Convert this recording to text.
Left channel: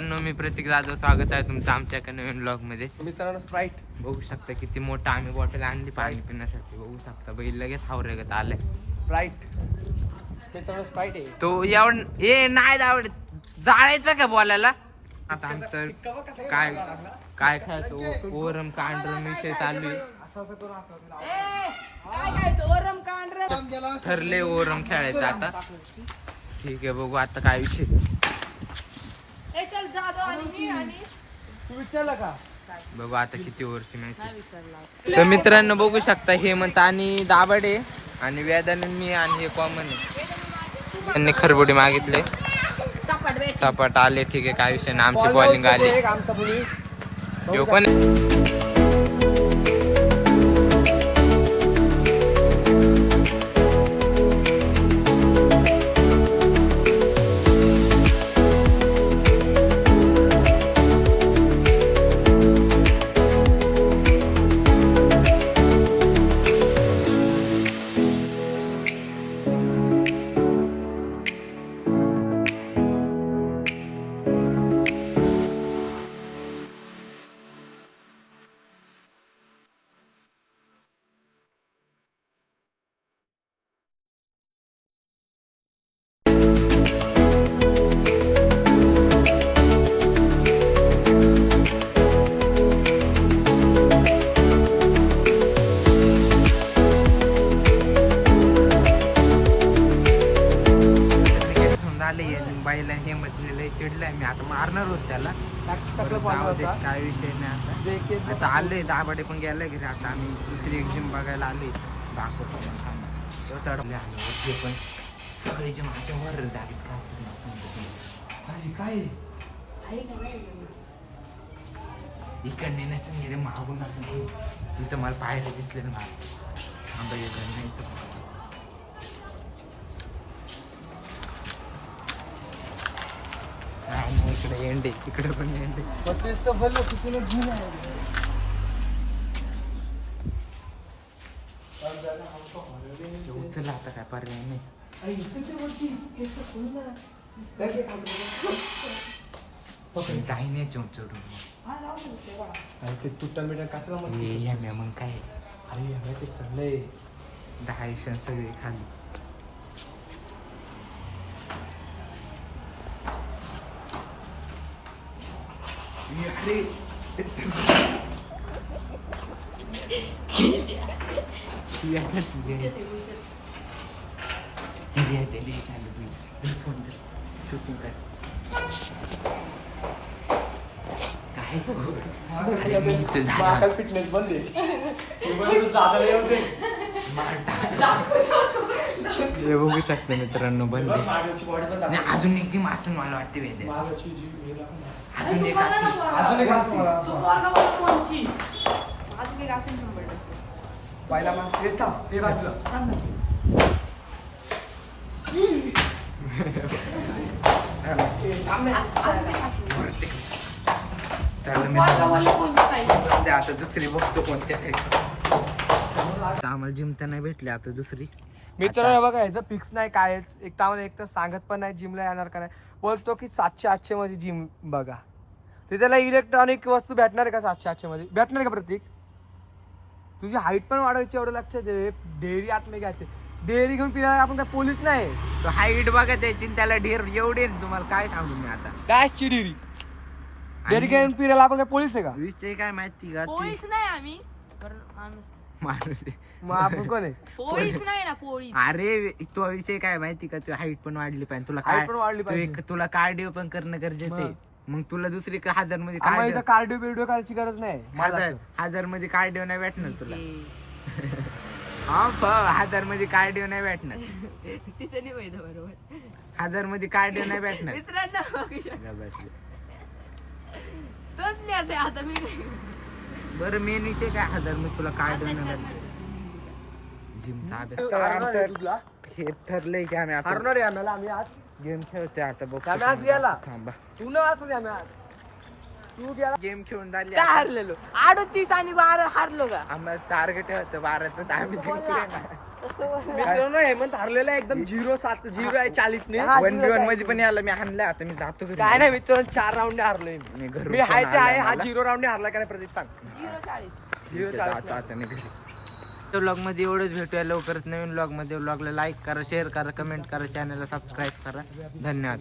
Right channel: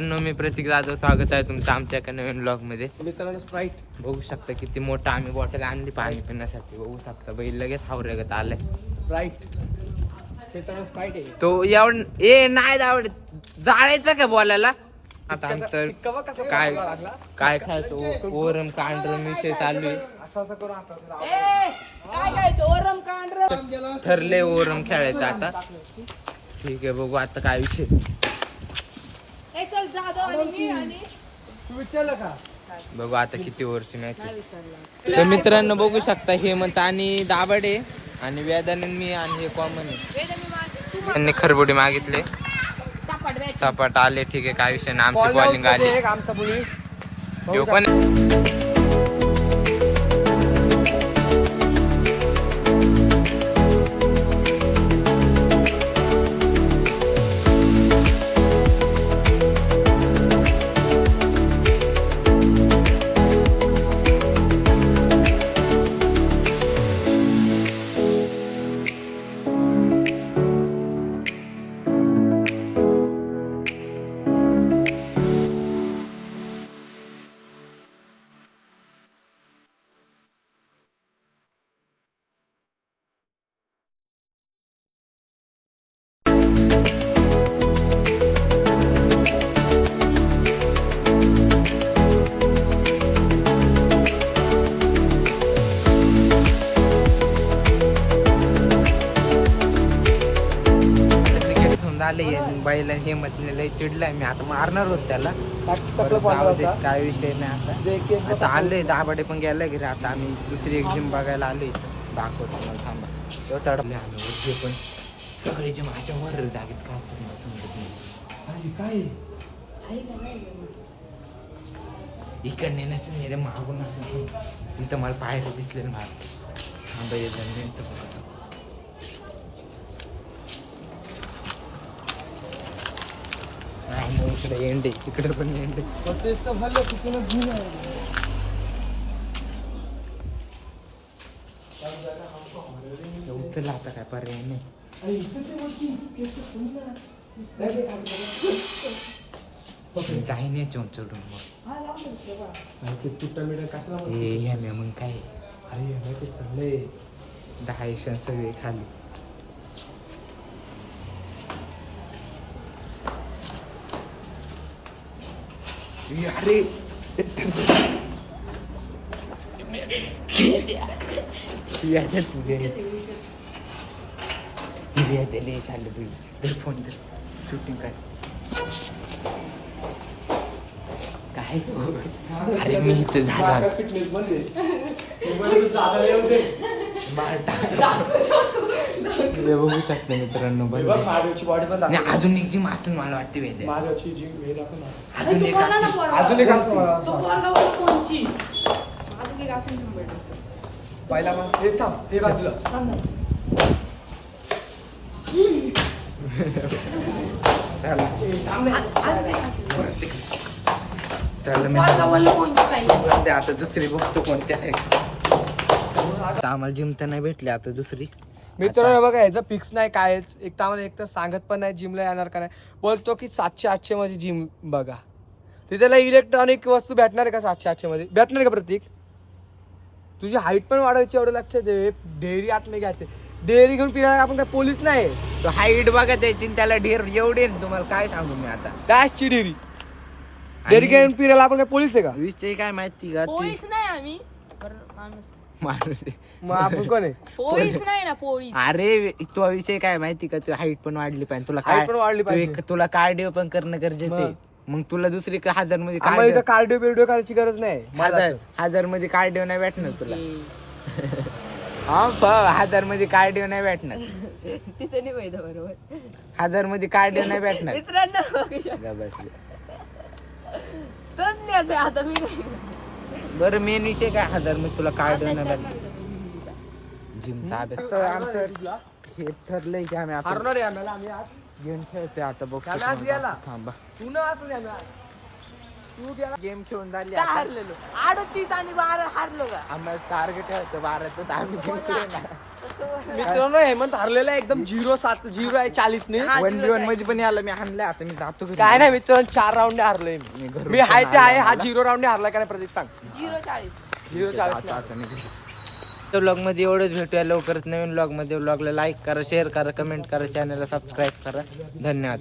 मी प्रतीक जाधव, स्वागत आहे तुमचं आमच्या एका नवीन ब्लॉग मध्ये. मित्रांनो स्प्राईट बघू शकता किती मोठा आम्ही बॉटल आणली पाणी पिण्यासाठी. बघू शकता बैल लगेच हावरेगत आलाय. स्प्राईट मित्रांनो स्प्राईट आहे तो एवढ नाही आवडत जाळायचं का बोलायला. आता आमचं काय काय खायचं ओरम कांडरम विषय चालू आहे. असं करू आता ठरले ओरम खेळायचं आता. ठीक आहे बघू आता काय विषय. विचारलं का बघू आता किती ओव्हरची मॅच. तर मित्रांनो बघू शकता हेमंत आणि दाभाडे आणि वेदानंद मी आणि हे कॉमन त्यांनी खरबुडी मागितले. सपाट आले. ठीक आहे काय विषय ना. आमची बॉलिंग आली. यो पण बाईला हे म्हटले लय चिडलाय. मी आता मारणार होत त्याला. काय विषय नाही. आता आलोय दाभाडे पण गेलाय घरी. आता आम्ही दुसरी एक जिम बघायला आलोय. दाखवतो मला थांबा. तो तडपले आलो जे पण सगळे जे माझ्या वर जागेत का असतात मला समजत नाही. काय इकडने नसेल गेले मागून असेल. इथं मला पाहायला दिसले ना मला. थांबा येत नाही. नाही इकडे एंडे तिकडे पण एंडे. तेच तर भरलं तिथून घेऊन उचलला आता काय पर्याय नाही. काही चढून मग ते तुटल मीटर कसं मग काय. अरे ते सगळे 10 सगळे खाली. अरे फोन शूटिंग काय काय. अरे मी इथं झाला बघू शकते मित्रांनो. बंद अजून एक जिम असेल मला वाटते वेद. अजून एक पहिला आता दुसरी बघतो कोणत्या आहे. आम्हाला जिम तर नाही भेटली. आता दुसरी मित्रांनो बघा याचं फिक्स नाही कायच. एक तर आम्हाला एक तर सांगत पण नाही जिमला येणार का नाही. बोलतो की 700-800 मध्ये जिम बघा. तिथेला इलेक्ट्रॉनिक वस्तू भेटणार आहे का 700-800 मध्ये भेटणार का प्रतीक. तुझी हाईट पण वाढवायची एवढं लक्ष दे. डेअरी आतले घ्यायचे. डेअरी घेऊन पिणार आपण काय पोलीस नाही. तो हाईट बघा द्यायची त्याला ढेर एवढे. तुम्हाला काय सांगू मी आता. डॅशची डेअरी डेअरी घेऊन पिरायला आपण काय पोलीस आहे का. विषय काय माहिती का. पोलीस नाही आम्ही माणूस मग आपण कोण आहे. पोलीस नाही ना पोलीस. अरे तो विषय काय माहिती का. तू हाईट पण वाढली पाहिजे. तुला हाईट पण वाढली पाहिजे. तुला कार्डिओ पण करणं गरजेचं आहे. मग तुला दुसरी 1000 मध्ये कार्डिओ बिडिओ करायची गरज नाही. 1000 मध्ये कार्डिओ नाही भेटणार तुला. हा 1000 मध्ये कार्डिओ नाही भेटणार. तिथे नाही माहिती बरोबर. 1000 मध्ये कार्डिओ नाही भेटणार. मित्रांनो बसले तोच नाही आता मी. बरं मेन विषय काय 1000 मध्ये तुला कार्डिओ नाही भेटणार. जिमचा अभ्यास तर आमचं हे ठरलंय की आम्ही आता हरणार आहे आम्ही आज गेम खेळतोय. आता बघतो थांबा. तू गेला गेम खेळून झाली. हारलेलो 38 आणि 12 हारलो का. आम्हाला टार्गेट होतं 12चं. आम्ही जिंकले ना. मित्रांनो हेमंत हरलेला आहे एकदम 0 आहे 40 ने 1v1 मध्ये पण याला मी हाणलंय. आता मी जातो घरी. काय नाही मित्रांनो 4 राऊंड हरले मी घरून मी हाय फोन ते आला आहे. हा मला. 0 राऊंड हरला का नाही प्रदीप सांग 0-40. 0-40 जातो आता मी घरी. व्लॉग मध्ये एवढंच भेटूया लवकरच नवीन व्लॉग मध्ये. व्लॉगला लाईक करा, शेअर करा, कमेंट करा, चॅनलला सबस्क्राईब करा. धन्यवाद.